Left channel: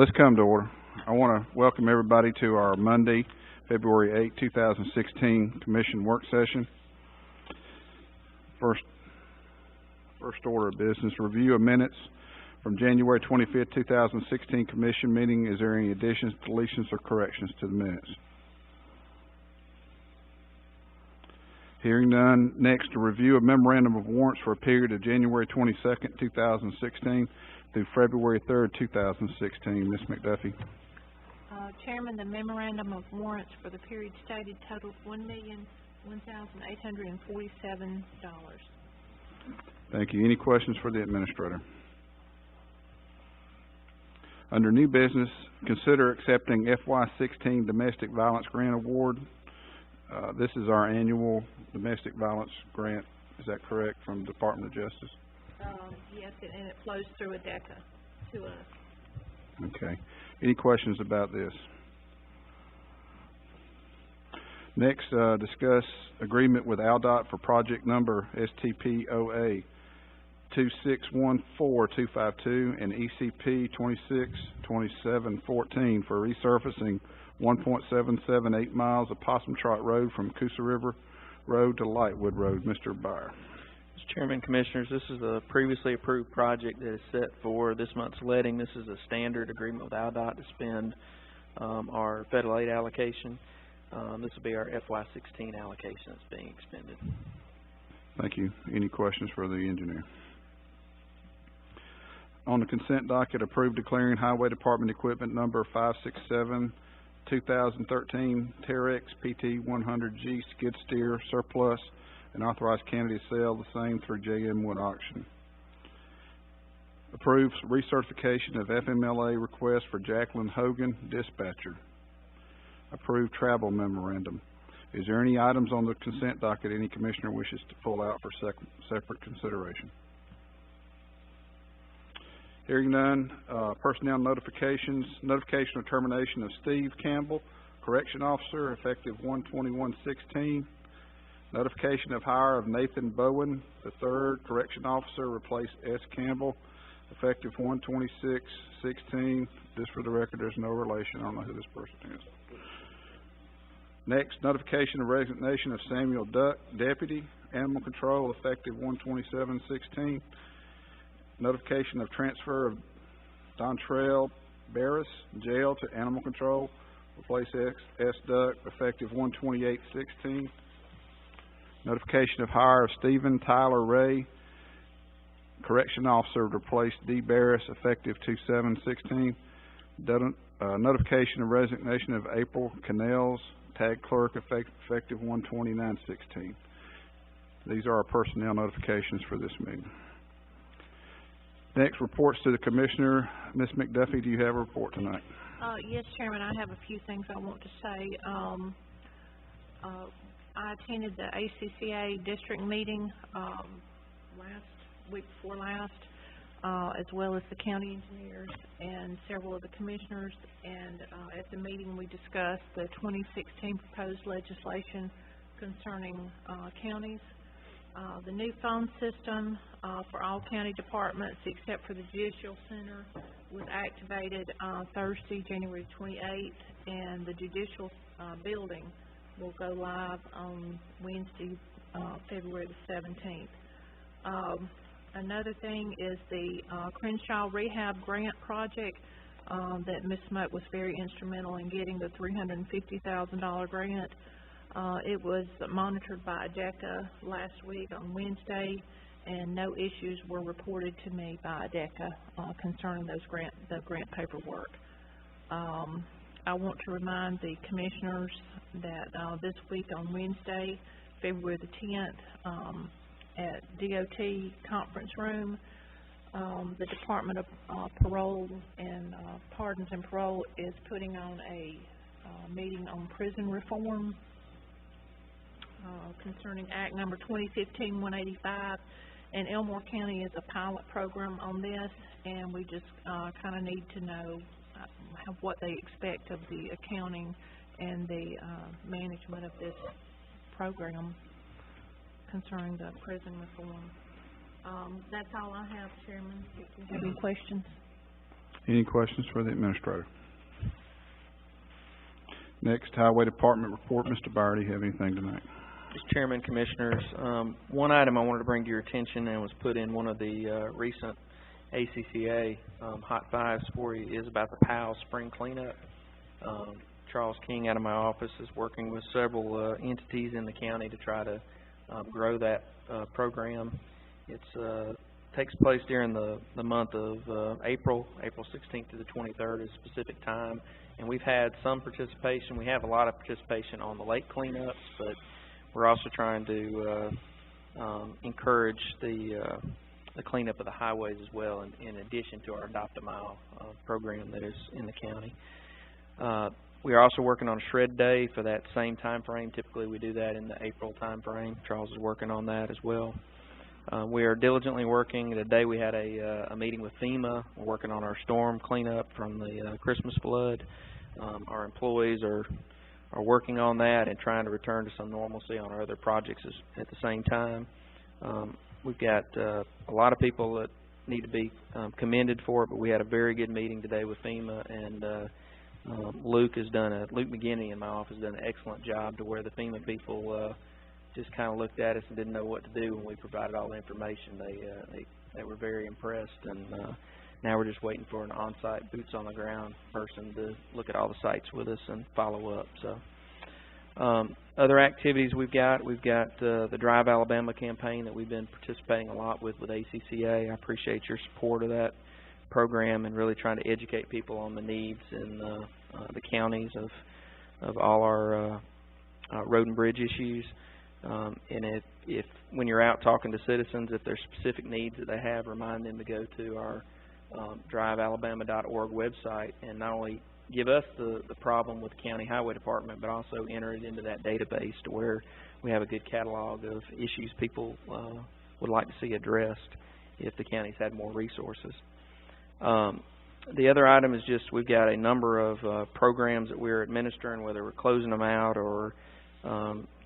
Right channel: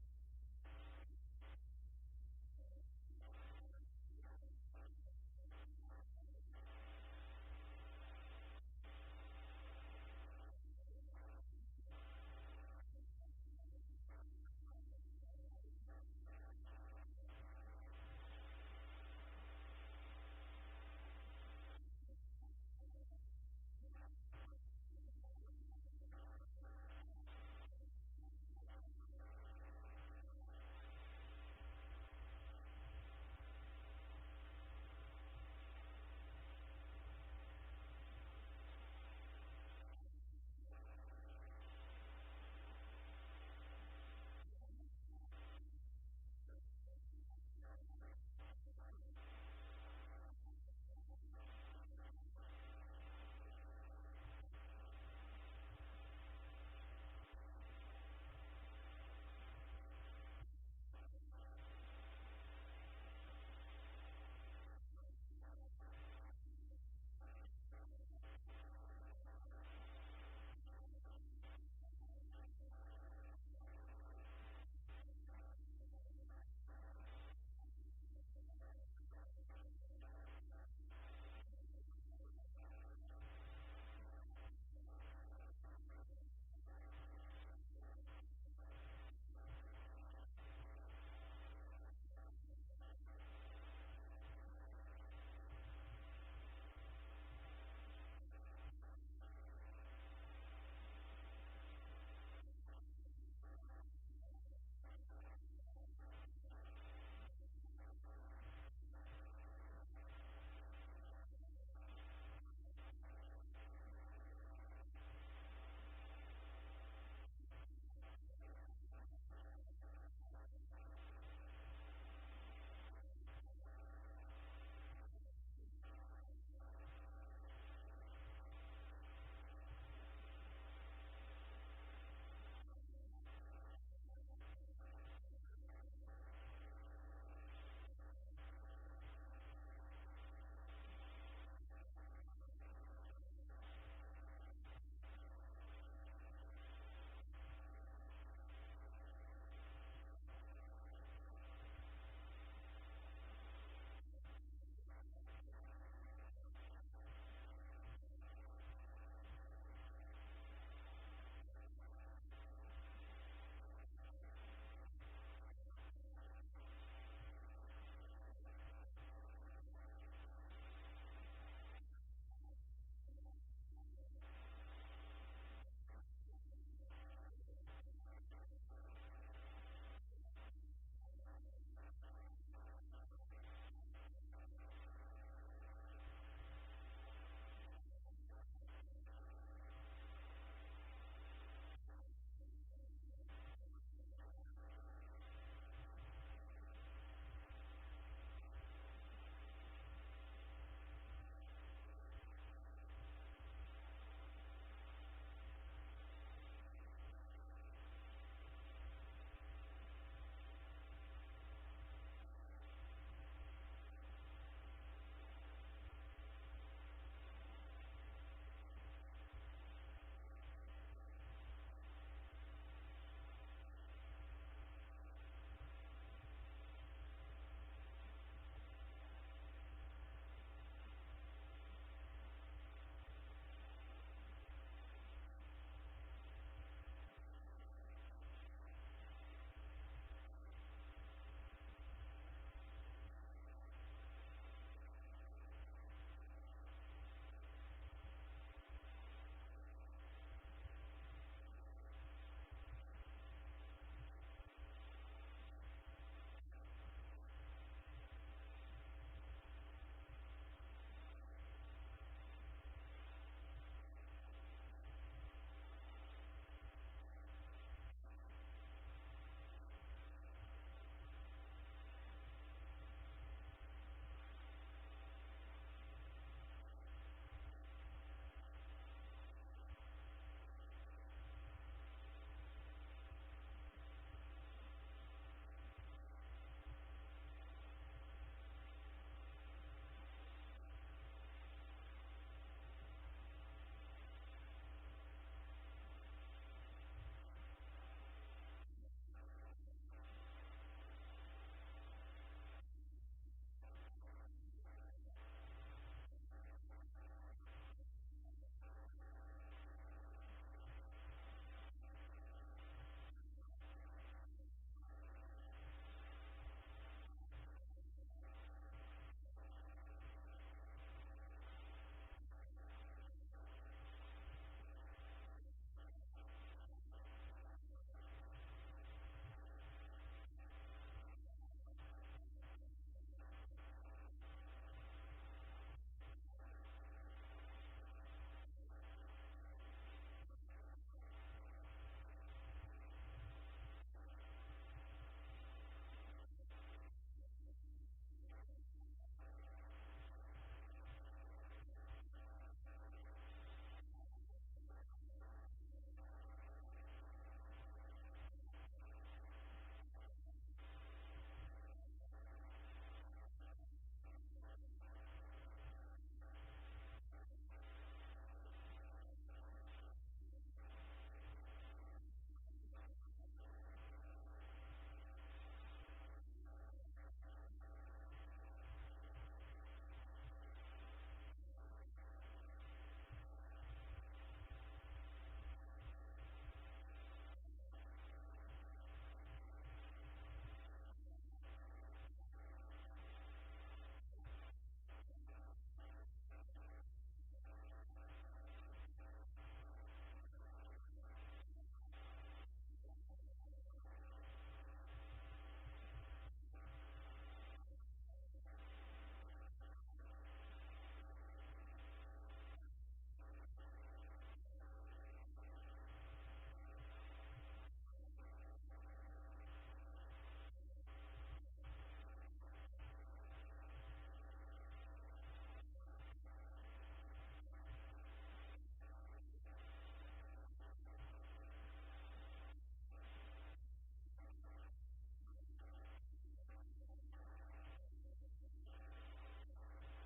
Let's come to order. I want to welcome everybody to our Monday, February 8, 2016 Commission Work Session. First order of business, review of minutes from January 25th, 2016 Commission meeting. Is there any additions, deletions, or corrections to the minutes? Hearing none. Next, a review of memorandum of warrants for a period of January 22nd, 2016 through February 3rd, 2016. Ms. McDuffie. Chairman, the memorandum of warrants for the period stated totals $1,001,847. Thank you. Any questions for the administrator? Under new business, consider accepting FY16 Domestic Violence Grant Award. This is our annual domestic violence grant. Is that correct, from the Department of Justice? Yes, and it flows through ADECA to us. Okay. Any questions about this? Next, discuss agreement with ALDOT for project number STPOA 2614252 and ECP 262714 for resurfacing 1.778 miles of Possum Trot Road from Coosa River Road to Lightwood Road. Mr. Byer. Mr. Chairman, Commissioners, this is a previously approved project that is set for this month's letting. This is a standard agreement with ALDOT to spend our federal aid allocation. This will be our FY16 allocation that's being expended. Thank you. Any questions for the engineer? On the consent docket, approved declaring Highway Department equipment number 567 2013 Terex PT 100G skid steer surplus and authorized candidate to sell the same through JM Wood Auction. Approves recertification of FMLA request for Jacqueline Hogan, dispatcher. Approved travel memorandum. Is there any items on the consent docket any commissioner wishes to pull out for separate consideration? Hearing none. Personnel notifications. Notification of termination of Steve Campbell, correction officer, effective 1/21/16. Notification of hire of Nathan Bowen III, correction officer, replace S. Campbell, effective 1/26/16. Just for the record, there's no relation. I don't know who this person is. Next, notification of resignation of Samuel Duck, deputy, animal control, effective 1/27/16. Notification of transfer of Dontrell Barris, jail, to animal control, replace S. Duck, effective 1/28/16. Notification of hire of Stephen Tyler Ray, correction officer, to replace D. Barris, effective 2/7/16. Notification of resignation of April Canels, tag clerk, effective 1/29/16. These are our personnel notifications for this meeting. Next, reports to the commissioner. Ms. McDuffie, do you have a report tonight? Yes, Chairman, I have a few things I want to say. I attended the ACCA district meeting week before last, as well as the county engineers and several of the commissioners, and at the meeting we discussed the 2016 proposed legislation concerning counties. The new phone system for all county departments except for the Judicial Center was activated Thursday, January 28th, and the Judicial building will go live on Wednesday, February the 17th. Another thing is the Crenshaw Rehab Grant Project that Ms. Smoke was very instrumental in getting the $350,000 grant. It was monitored by ADECA last week on Wednesday, and no issues were reported to me by ADECA concerning the grant paperwork. I want to remind the commissioners that this week on Wednesday, February the 10th, at DOT conference room, the Department of Parole and Pardons and Parole is putting on a meeting on prison reform concerning Act number 2015-185, and Elmore County is a pilot program on this, and we just kind of need to know what they expect of the accounting and the management of this program concerning the prison reform. That's all I have, Chairman. If you have any questions. Any questions for the administrator? Next, Highway Department report. Mr. Byer, do you have anything tonight? Mr. Chairman, Commissioners, one item I wanted to bring to your attention and was put in one of the recent ACCA Hot Fives for you is about the Powell Spring Cleanup. Charles King out of my office is working with several entities in the county to try to grow that program. It takes place during the month of April 16th to the 23rd is a specific time, and we've had some participation. We have a lot of participation on the lake cleanups, but we're also trying to encourage the cleanup of the highways as well, in addition to our Adopt a Mile program that is in the county. We are also working on a shred day for that same time frame. Typically we do that in the April time frame. Charles is working on that as well. We are diligently working. Today we had a meeting with FEMA. We're working on our storm cleanup from the Christmas flood. Our employees are working on that and trying to return to some normalcy on our other projects at the same time. We've got a lot of people that need to be commended for it, but we had a very good meeting today with FEMA, and Luke McGinney in my office has done an excellent job to where the FEMA people just kind of looked at us and didn't know what to do when we provided all the information. They were very impressed, and now we're just waiting for an on-site, boots-on-the-ground person to look at all the sites with us and follow up. So, other activities we've got the Drive Alabama campaign that we've been participating a lot with ACCA. I appreciate your support of that program and really trying to educate people on the needs in the counties of all our road and bridge issues. And if when you're out talking to citizens, if there's specific needs that they have, remind them to go to our drivealabama.org website and not only give us the problem with the county highway department, but also enter it into that database to where we have a good catalog of issues people would like to see addressed if the counties had more resources. The other item is just we've got a number of programs that we're administering, whether we're closing them out or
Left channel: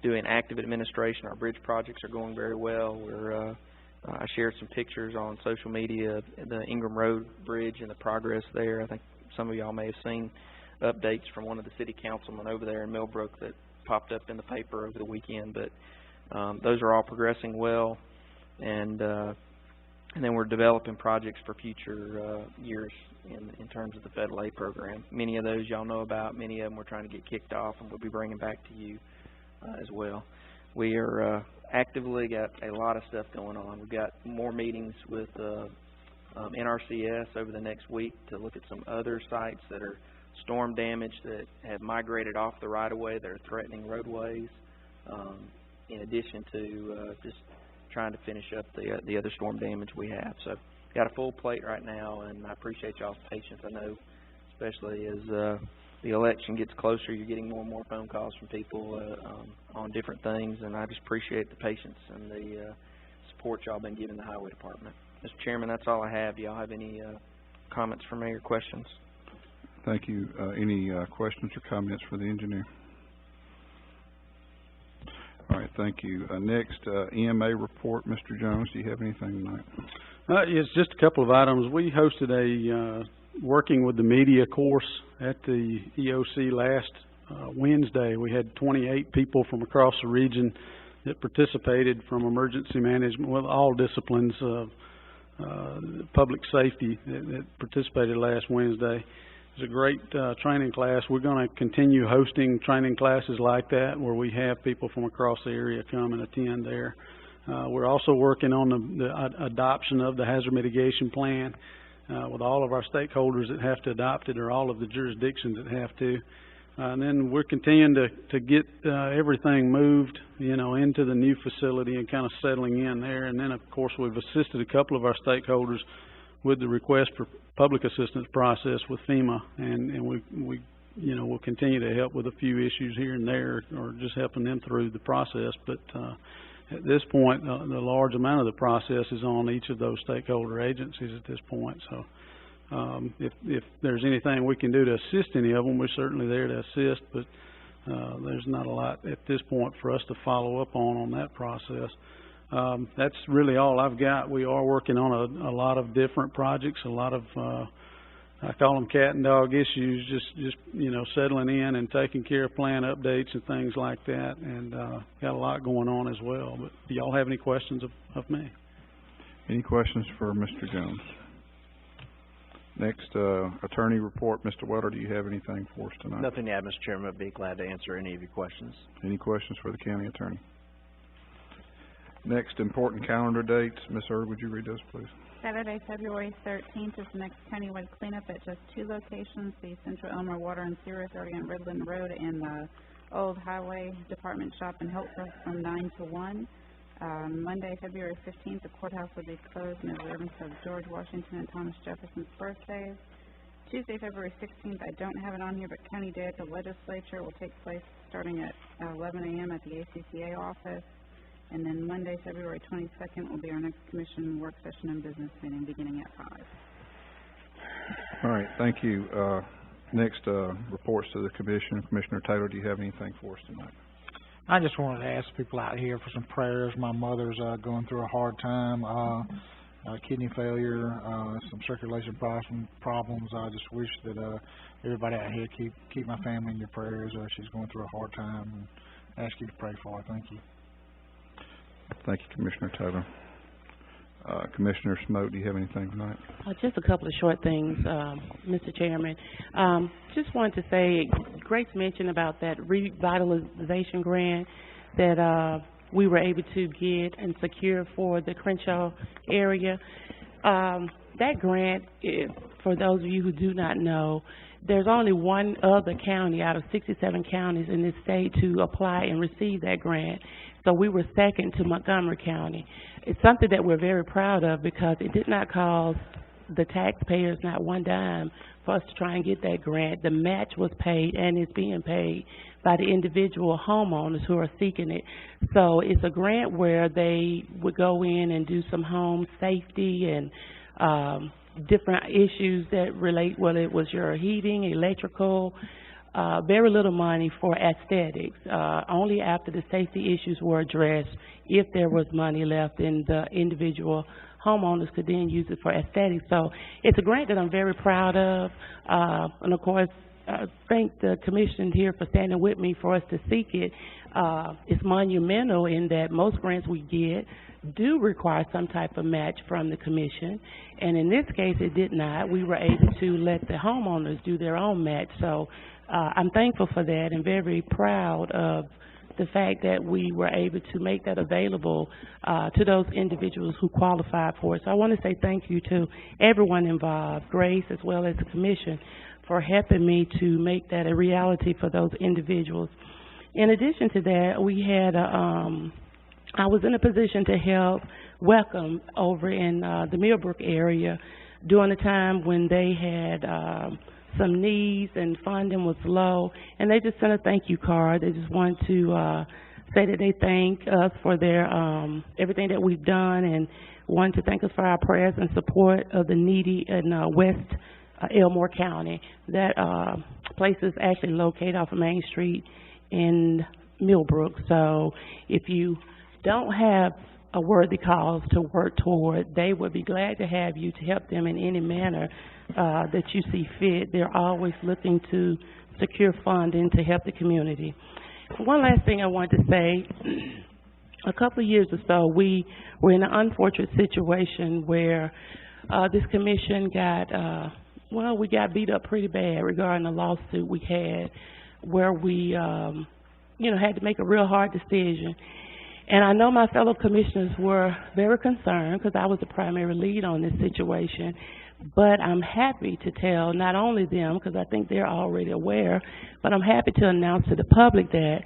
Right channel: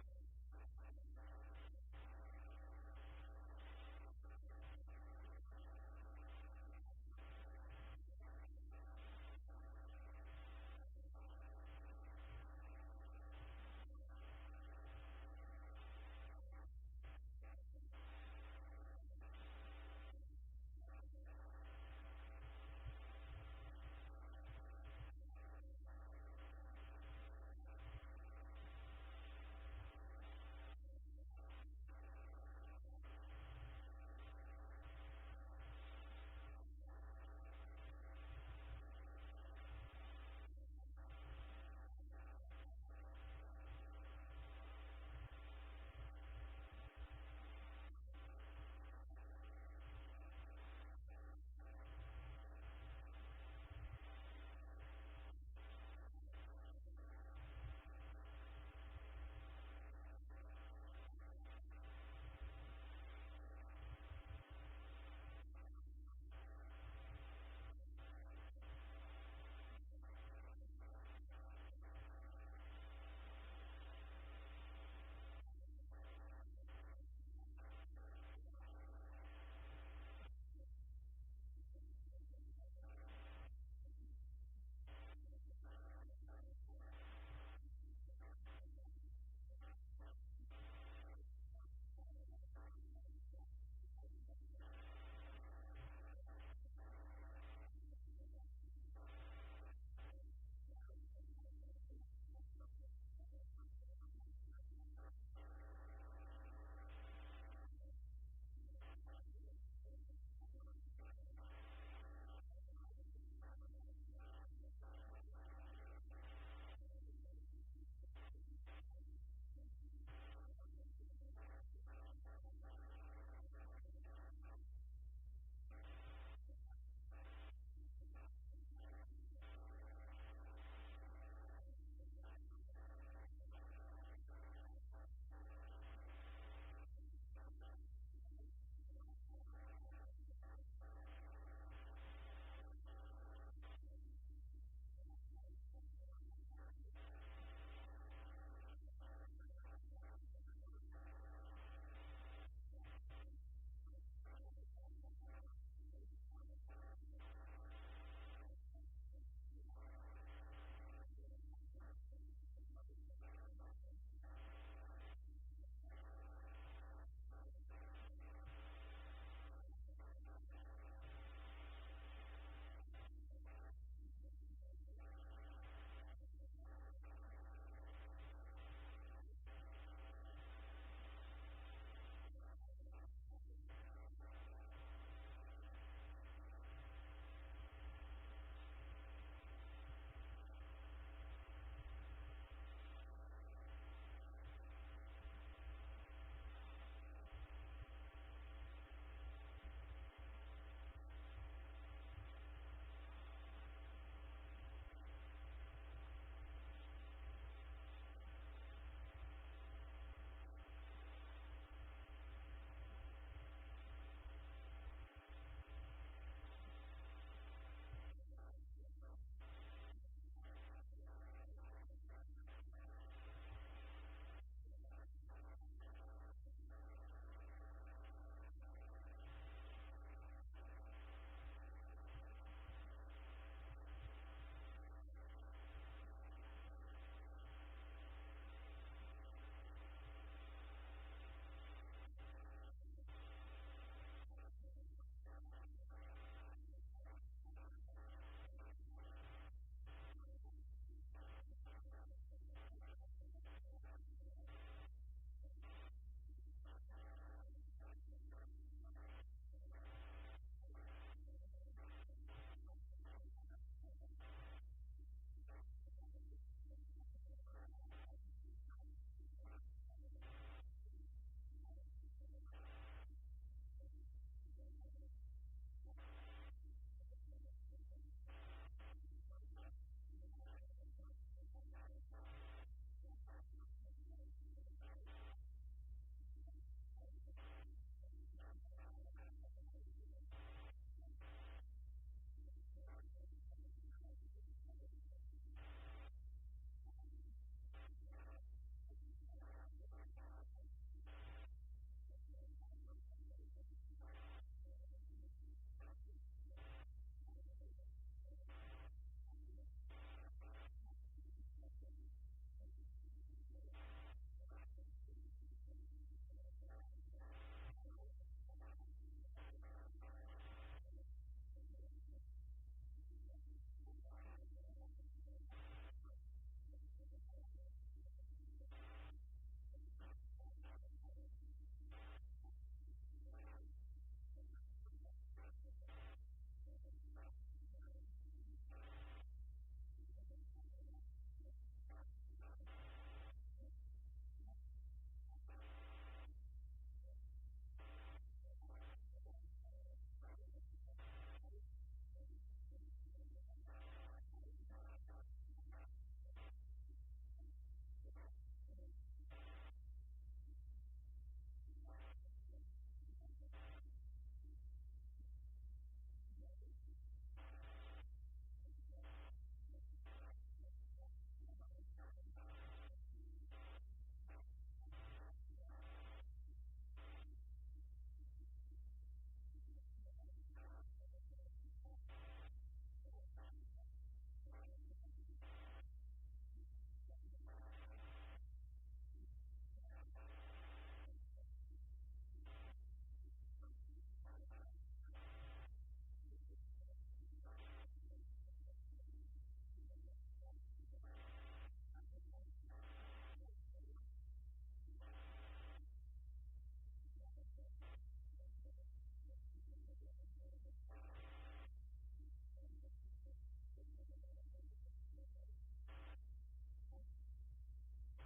doing active administration. Our bridge projects are going very well. I shared some pictures on social media of the Ingram Road Bridge and the progress there. I think some of y'all may have seen updates from one of the city councilmen over there in Millbrook that popped up in the paper over the weekend. But those are all progressing well, and then we're developing projects for future years in terms of the Federal Aid program. Many of those y'all know about. Many of them we're trying to get kicked off, and we'll be bringing back to you as well. We are actively got a lot of stuff going on. We've got more meetings with NRCS over the next week to look at some other sites that are storm damaged that have migrated off the right-of-way that are threatening roadways, in addition to just trying to finish up the other storm damage we have. So got a full plate right now, and I appreciate y'all's patience. I know, especially as the election gets closer, you're getting more and more phone calls from people on different things, and I just appreciate the patience and the support y'all been giving the highway department. Mr. Chairman, that's all I have. Do y'all have any comments for me or questions? Thank you. Any questions or comments for the engineer? All right, thank you. Next, EMA report. Mr. Jones, do you have anything tonight? It's just a couple of items. We hosted a working with the media course at the EOC last Wednesday. We had 28 people from across the region that participated from emergency management, with all disciplines of public safety that participated last Wednesday. It was a great training class. We're going to continue hosting training classes like that where we have people from across the area come and attend there. We're also working on the adoption of the hazard mitigation plan with all of our stakeholders that have to adopt it, or all of the jurisdictions that have to. And then we're continuing to get everything moved, into the new facility and kind of settling in there. And then, of course, we've assisted a couple of our stakeholders with the request for public assistance process with FEMA, and we'll continue to help with a few issues here and there, or just helping them through the process. But at this point, the large amount of the process is on each of those stakeholder agencies at this point. So if there's anything we can do to assist any of them, we're certainly there to assist, but there's not a lot at this point for us to follow up on that process. That's really all I've got. We are working on a lot of different projects, a lot of I call them cat and dog issues, just, you know, settling in and taking care of plan updates and things like that, and, got a lot going on as well. But do y'all have any questions of me? Any questions for Mr. Jones? Next, attorney report. Mr. Welter, do you have anything for us tonight? Nothing to add, Mr. Chairman. I'd be glad to answer any of your questions. Any questions for the county attorney? Next, important calendar dates. Ms. Erb, would you read those, please? Saturday, February 13th is the next countywide cleanup at just 2 locations, the Central Elmer Water and Sewer Authority on Redland Road and the Old Highway Department Shop in Hilton from 9 to 1. Monday, February 15th, the courthouse will be closed in observance of George Washington and Thomas Jefferson's birthdays. Tuesday, February 16th, I don't have it on here, but County Day at the Legislature will take place starting at 11 a.m. at the ACCA office. And then Monday, February 22nd will be our next commission work session and business meeting beginning at 5. All right, thank you. Next, reports to the commission. Commissioner Taylor, do you have anything for us tonight? I just wanted to ask people out here for some prayers. My mother's going through a hard time, kidney failure, some circulation problems. I just wish that everybody out here keep my family in your prayers. She's going through a hard time, and ask you to pray for her. Thank you. Thank you, Commissioner Taylor. Commissioner Smoke, do you have anything tonight? Just a couple of short things, Mr. Chairman. Just wanted to say, Grace mentioned about that revitalization grant that we were able to get and secure for the Crenshaw area. That grant, for those of you who do not know, there's only one other county out of 67 counties in this state to apply and receive that grant. So we were second to Montgomery County. It's something that we're very proud of because it did not cost the taxpayers not one dime for us to try and get that grant. The match was paid and is being paid by the individual homeowners who are seeking it. So it's a grant where they would go in and do some home safety and different issues that relate, whether it was your heating, electrical, very little money for aesthetics, only after the safety issues were addressed, if there was money left, and the individual homeowners could then use it for aesthetics. So it's a grant that I'm very proud of, and of course, thank the commission here for standing with me for us to seek it. It's monumental in that most grants we get do require some type of match from the commission, and in this case it did not. We were able to let the homeowners do their own match, so I'm thankful for that and very proud of the fact that we were able to make that available to those individuals who qualified for it. So I want to say thank you to everyone involved, Grace as well as the commission, for helping me to make that a reality for those individuals. In addition to that, we had I was in a position to help Welcome over in the Millbrook area during a time when they had some needs and funding was low, and they just sent a thank you card. They just wanted to say that they thank us for their everything that we've done, and wanted to thank us for our prayers and support of the needy in West Elmore County. That place is actually located off of Main Street in Millbrook. So if you don't have a worthy cause to work toward, they would be glad to have you to help them in any manner that you see fit. They're always looking to secure funding to help the community. One last thing I want to say, a couple of years or so, we were in an unfortunate situation where this commission got, we got beat up pretty bad regarding a lawsuit we had where we, had to make a real hard decision. And I know my fellow commissioners were very concerned because I was the primary lead on this situation. But I'm happy to tell not only them, because I think they're already aware, but I'm happy to announce to the public that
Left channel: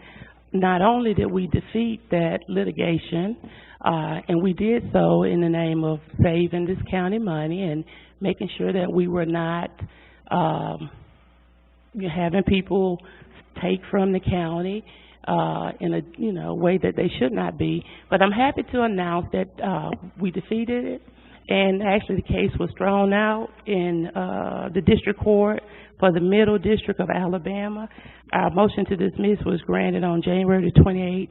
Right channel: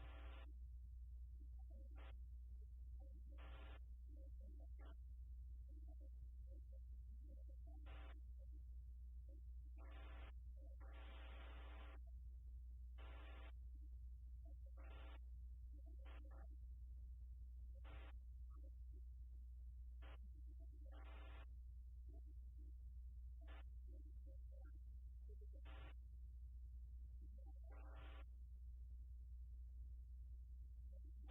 not only did we defeat that litigation, and we did so in the name of saving this county money and making sure that we were not having people take from the county in a way that they should not be. But I'm happy to announce that we defeated it, and actually the case was thrown out in the district court for the Middle District of Alabama. Our motion to dismiss was granted on January the 28th,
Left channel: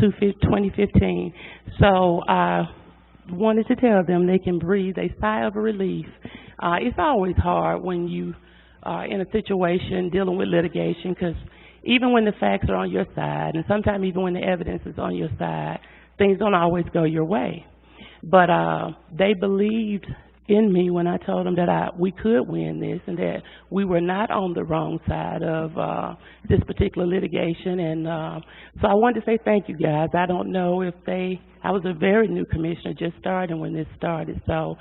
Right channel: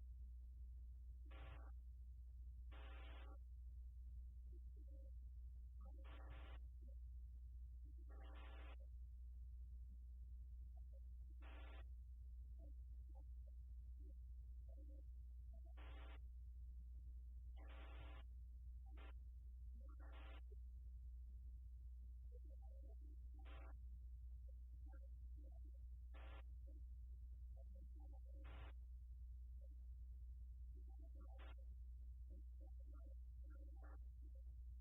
2015. So wanted to tell them they can breathe a sigh of relief. It's always hard when you are in a situation dealing with litigation, because even when the facts are on your side, and sometimes even when the evidence is on your side, things don't always go your way. But they believed in me when I told them that we could win this, and that we were not on the wrong side of this particular litigation. And so I wanted to say thank you, guys. I don't know if I was a very new commissioner, just starting when this started, so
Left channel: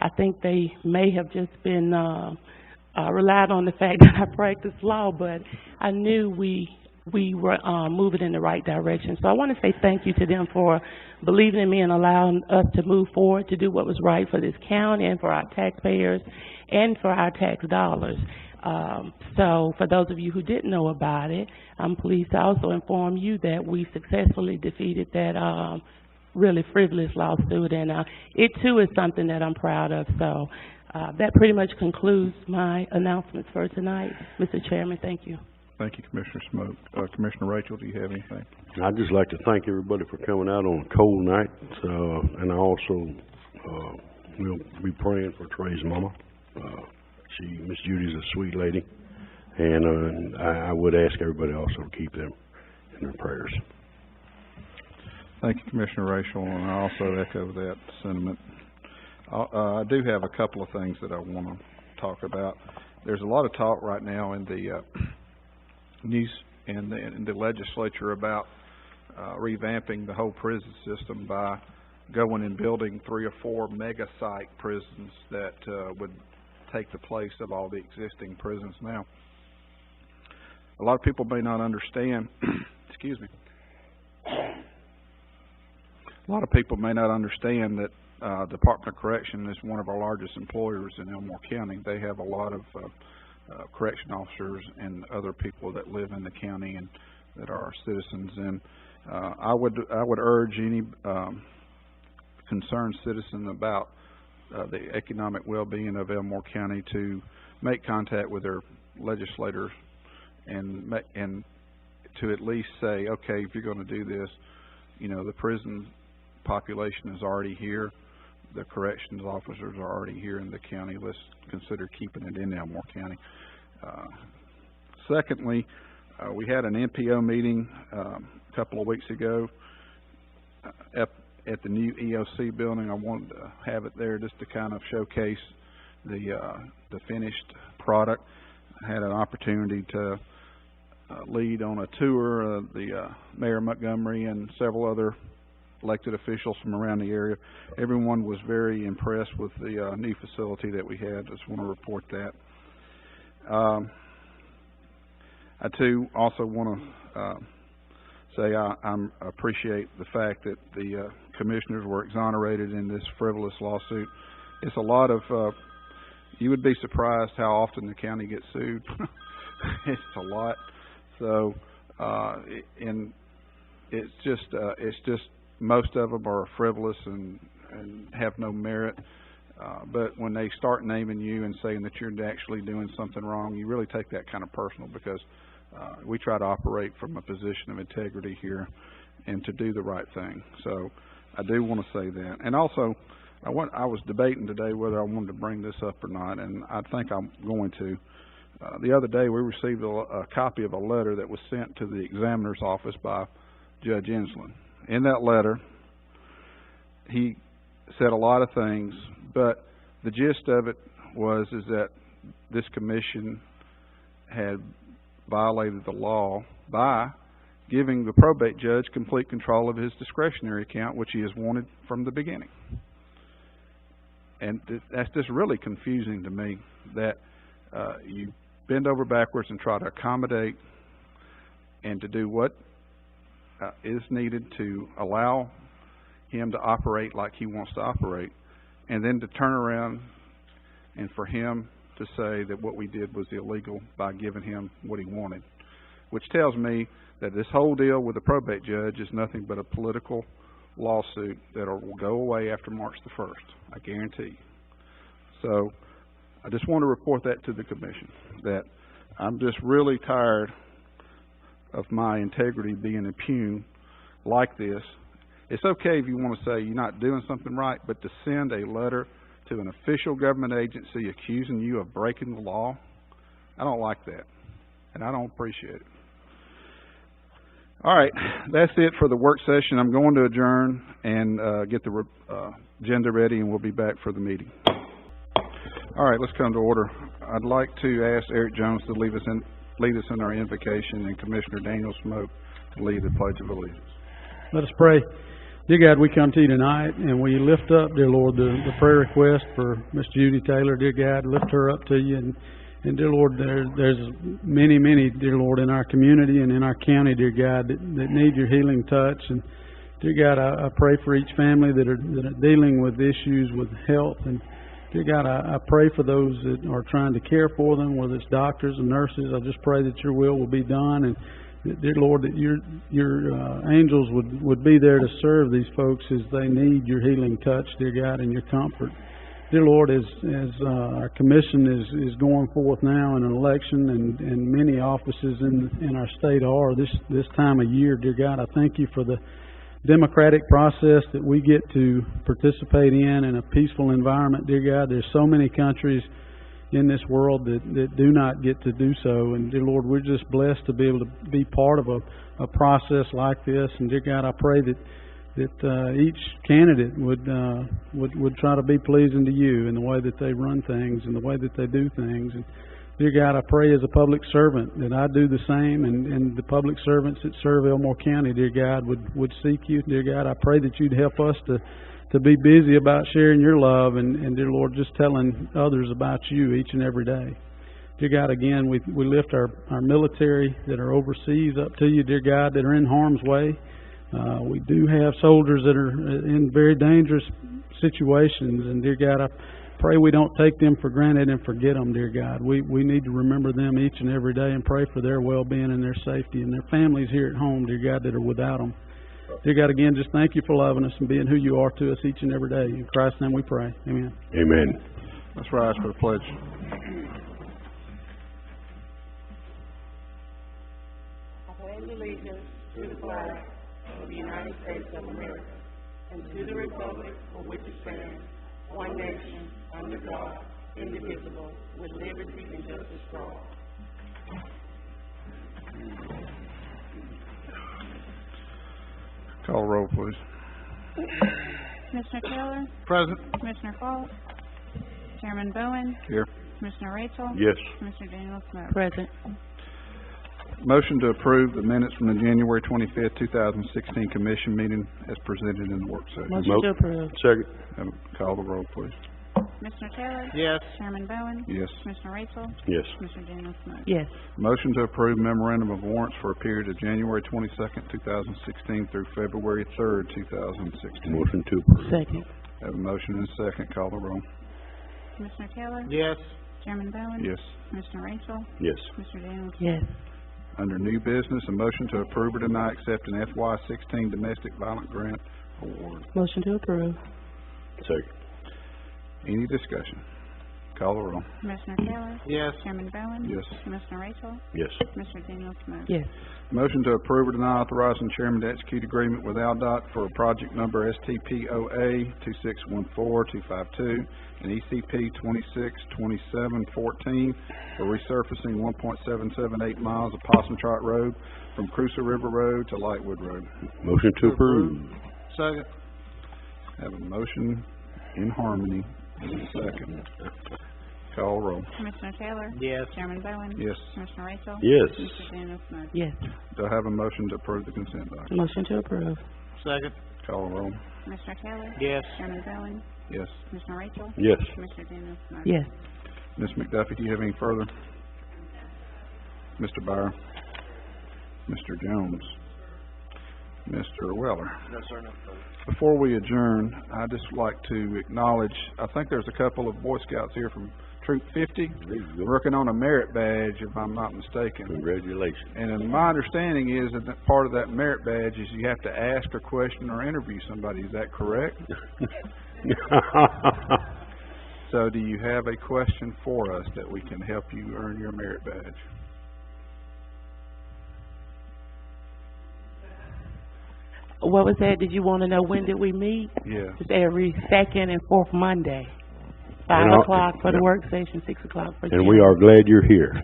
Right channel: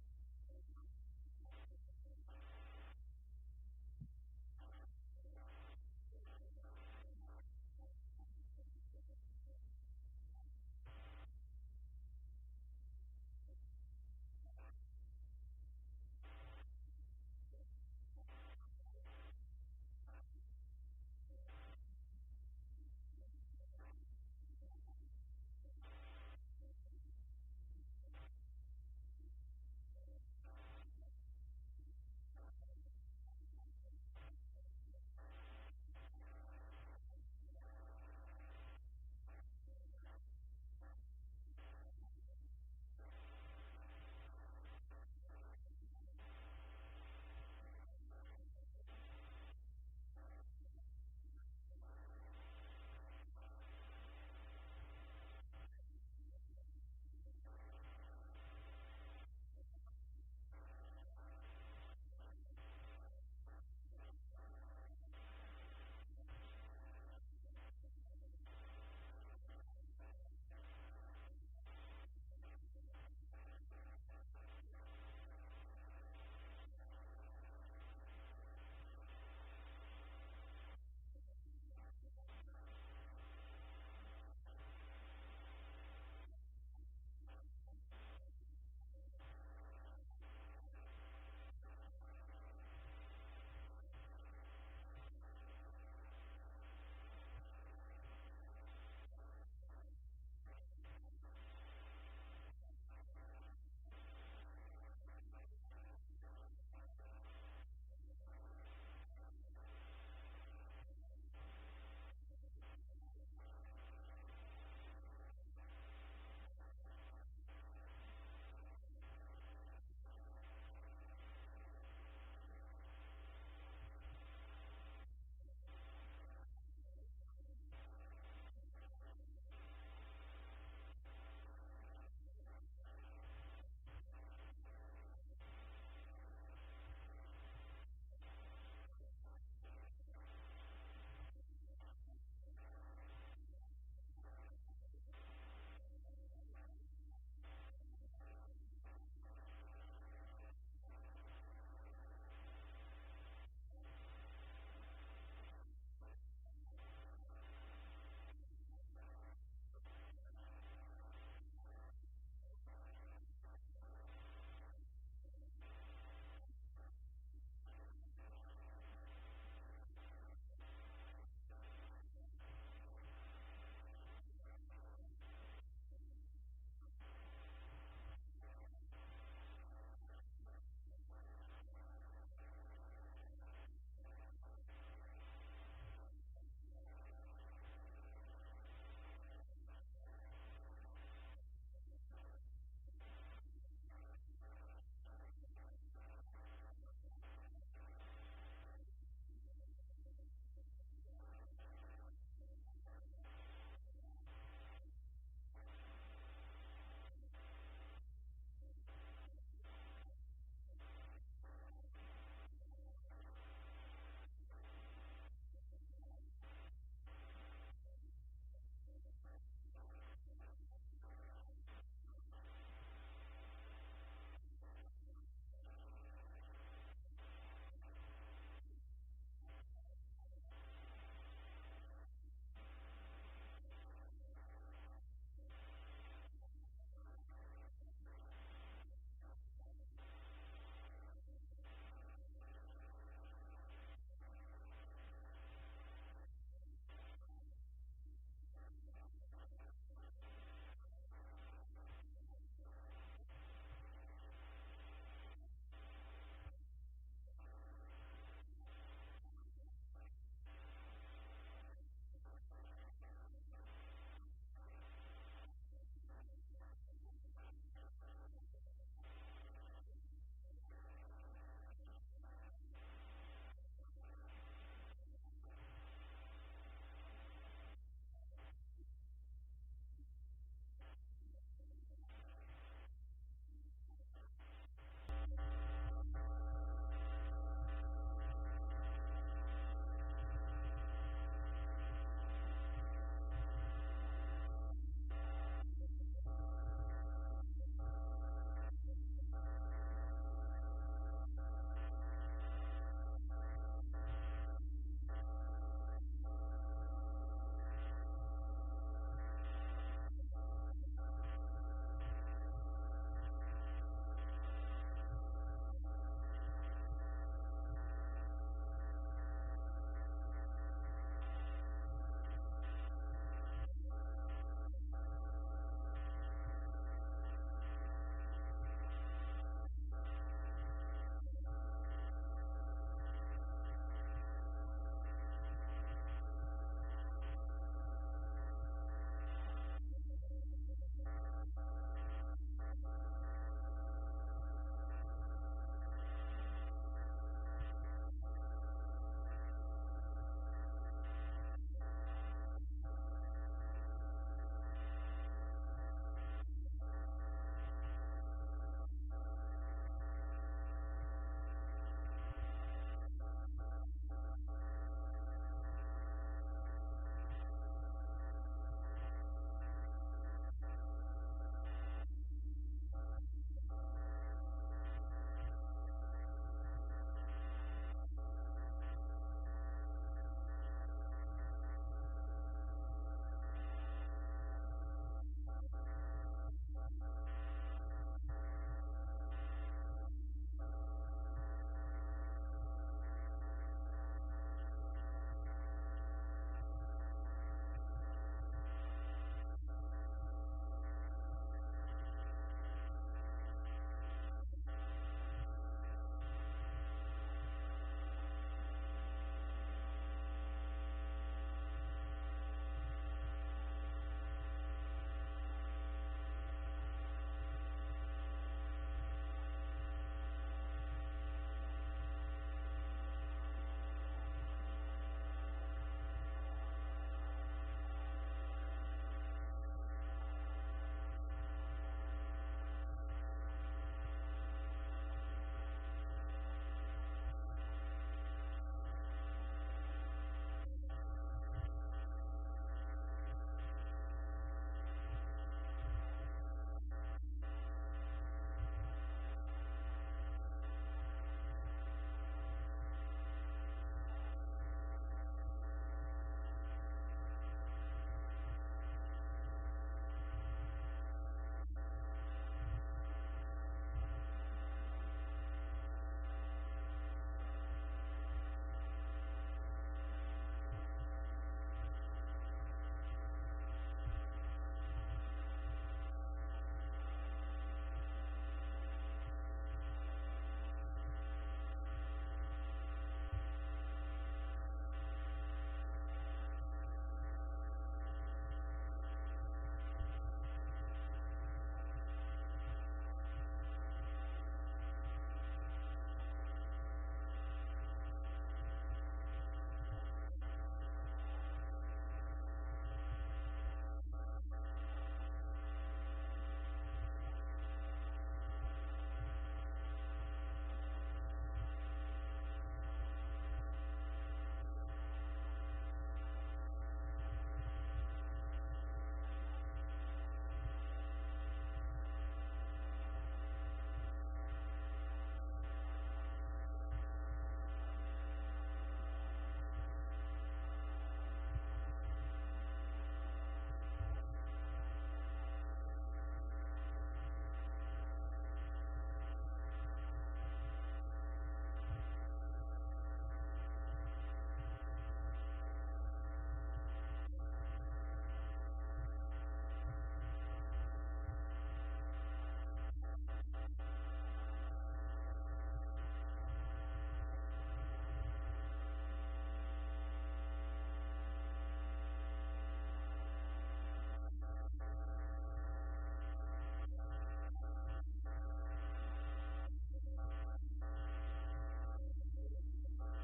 I think they may have just been relied on the fact that I practiced law, but I knew we were moving in the right direction. So I want to say thank you to them for believing in me and allowing us to move forward to do what was right for this county and for our taxpayers and for our tax dollars. So for those of you who didn't know about it, I'm pleased to also inform you that we successfully defeated that really frivolous lawsuit, and it too is something that I'm proud of. So that pretty much concludes my announcements for tonight. Mr. Chairman, thank you. Thank you, Commissioner Smoke. Commissioner Rachel, do you have anything? I'd just like to thank everybody for coming out on a cold night, and I also will be praying for Trey's mama. Miss Judy's a sweet lady, and I would ask everybody also to keep them in their prayers. Thank you, Commissioner Rachel, and I also echo that sentiment. I do have a couple of things that I want to talk about. There's a lot of talk right now in the news and in the legislature about revamping the whole prison system by going and building 3 or 4 mega site prisons that would take the place of all the existing prisons now. A lot of people may not understand, excuse me, a lot of people may not understand that Department of Correction is one of our largest employers in Elmore County. They have a lot of correction officers and other people that live in the county and that are our citizens. And I would urge any concerned citizen about the economic well-being of Elmore County to make contact with their legislators and to at least say, okay, if you're going to do this, you know, the prison population is already here. The corrections officers are already here in the county. Let's consider keeping it in Elmore County. Secondly, we had an NPO meeting a couple of weeks ago at the new EOC building. I wanted to have it there just to kind of showcase the finished product. I had an opportunity to lead on a tour of the Mayor Montgomery and several other elected officials from around the area. Everyone was very impressed with the new facility that we had. Just want to report that. I too also want to say I appreciate the fact that the commissioners were exonerated in this frivolous lawsuit. It's a lot of you would be surprised how often the county gets sued. It's a lot. So and it's just most of them are frivolous and have no merit. But when they start naming you and saying that you're actually doing something wrong, you really take that kind of personal, because we try to operate from a position of integrity here and to do the right thing. So I do want to say that. And also, I was debating today whether I wanted to bring this up or not, and I think I'm going to. The other day we received a copy of a letter that was sent to the examiner's office by Judge Enslin. In that letter, he said a lot of things, but the gist of it is that this commission had violated the law by giving the probate judge complete control of his discretionary account, which he has wanted from the beginning. And that's just really confusing to me, that you bend over backwards and try to accommodate and to do what is needed to allow him to operate like he wants to operate, and then to turn around and for him to say that what we did was illegal by giving him what he wanted, which tells me that this whole deal with the probate judge is nothing but a political lawsuit that will go away after March the 1st, I guarantee you. So I just want to report that to the commission, that I'm just really tired of my integrity being impugned like this. It's okay if you wanna say you're not doing something right, but to send a letter to an official government agency accusing you of breaking the law, I don't like that, and I don't appreciate it. All right, that's it for the work session. I'm going to adjourn and get the agenda ready, and we'll be back for the meeting. All right, let's come to order. I'd like to ask Eric Jones to lead us in our invocation, and Commissioner Daniel Smoke to lead the Pledge of Allegiance. Let us pray. Dear God, we come to you tonight, and we lift up, dear Lord, the prayer request for Miss Judy Taylor. Dear God, lift her up to you, and dear Lord, there's many, dear Lord, in our community and in our county, dear God, that need your healing touch. And dear God, I pray for each family that are dealing with issues with health. And dear God, I pray for those that are trying to care for them, whether it's doctors and nurses. I just pray that your will be done, and dear Lord, that your angels would be there to serve these folks as they need your healing touch, dear God, and your comfort. Dear Lord, as our commission is going forth now in an election, and many offices in our state are this time of year, dear God, I thank you for the democratic process that we get to participate in a peaceful environment, dear God. There's so many countries in this world that do not get to do so, and dear Lord, we're just blessed to be able to be part of a process like this. And dear God, I pray that each candidate would try to be pleasing to you in the way that they run things and the way that they do things. And dear God, I pray as a public servant that I do the same, and the public servants that serve Elmore County, dear God, would seek you. Dear God, I pray that you'd help us to be busy about sharing your love, and dear Lord, just telling others about you each and every day. Dear God, again, we lift our military that are overseas up to you, dear God, that are in harm's way. We do have soldiers that are in very dangerous situations, and dear God, I pray we don't take them for granted and forget them, dear God. We need to remember them each and every day and pray for their well-being and their safety and their families here at home, dear God, that are without them. Dear God, again, just thank you for loving us and being who you are to us each and every day. In Christ's name we pray. Amen. Amen. Let's rise for the pledge. I pledge allegiance to the flag of the United States of America and to the republic for which it stands, one nation, under God, indivisible, with liberty and justice for all. Call the roll, please. Commissioner Taylor? Present. Commissioner Falk? Chairman Bowen? Here. Commissioner Rachel? Yes. Commissioner Daniel Smoke? Present. Motion to approve the minutes from the January 25th, 2016 commission meeting as presented in the work session. Motion to approve. Second. Call the roll, please. Commissioner Taylor? Yes. Chairman Bowen? Yes. Commissioner Rachel? Yes. Commissioner Daniel Smoke? Yes. Motion to approve memorandum of warrants for a period of January 22nd, 2016 through February 3rd, 2016. Motion to approve. Second. Have a motion and a second. Call the roll. Commissioner Taylor? Yes. Chairman Bowen? Yes. Commissioner Rachel? Yes. Commissioner Daniel Smoke? Yes. Under new business, a motion to approve or deny accepting FY16 domestic violent grant award. Motion to approve. Second. Any discussion? Call the roll. Commissioner Taylor? Yes. Chairman Bowen? Yes. Commissioner Rachel? Yes. Commissioner Daniel Smoke? Yes. Motion to approve or deny authorizing chairman to execute agreement with ALDOT for a project number STPOA 2614252 and ECP 262714 for resurfacing 1.778 miles of Possum Trot Road from Crusoe River Road to Lightwood Road. Motion to approve. Second. Have a motion in harmony and a second. Call roll. Commissioner Taylor? Yes. Chairman Bowen? Yes. Commissioner Rachel? Yes. Commissioner Daniel Smoke? Yes. Do I have a motion to approve the consent document? Motion to approve. Second. Call roll. Commissioner Taylor? Yes. Chairman Bowen? Yes. Commissioner Rachel? Yes. Commissioner Daniel Smoke? Yes. Ms. McDuffie, do you have any further? Mr. Byer? Mr. Jones? Mr. Weller? No, sir, no. Before we adjourn, I'd just like to acknowledge, I think there's a couple of Boy Scouts here from Troop 50 working on a merit badge, if I'm not mistaken. Congratulations. And my understanding is that part of that merit badge is you have to ask a question or interview somebody. Is that correct? So do you have a question for us that we can help you earn your merit badge? What was that? Did you wanna know when did we meet? Yeah. It's every second and fourth Monday. And 5 o'clock for the yeah. work session, 6 o'clock for. And we are glad you're here.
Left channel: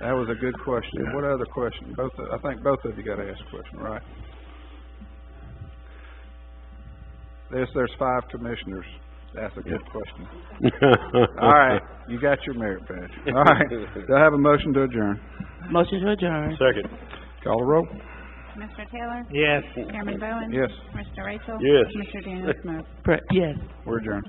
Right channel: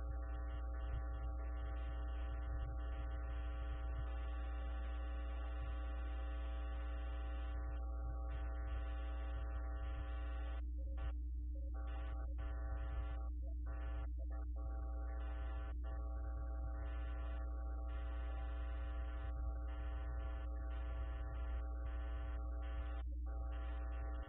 That was a good question. Yeah. What other question? I think both of you gotta ask a question, right? There's 5 commissioners. That's a good question. All right, you got your merit badge. All right, do I have a motion to adjourn? Motion to adjourn. Second. Call the roll. Commissioner Taylor? Yes. Chairman Bowen? Yes. Commissioner Rachel? Yes. Commissioner Daniel Smoke? Yes. We're adjourned.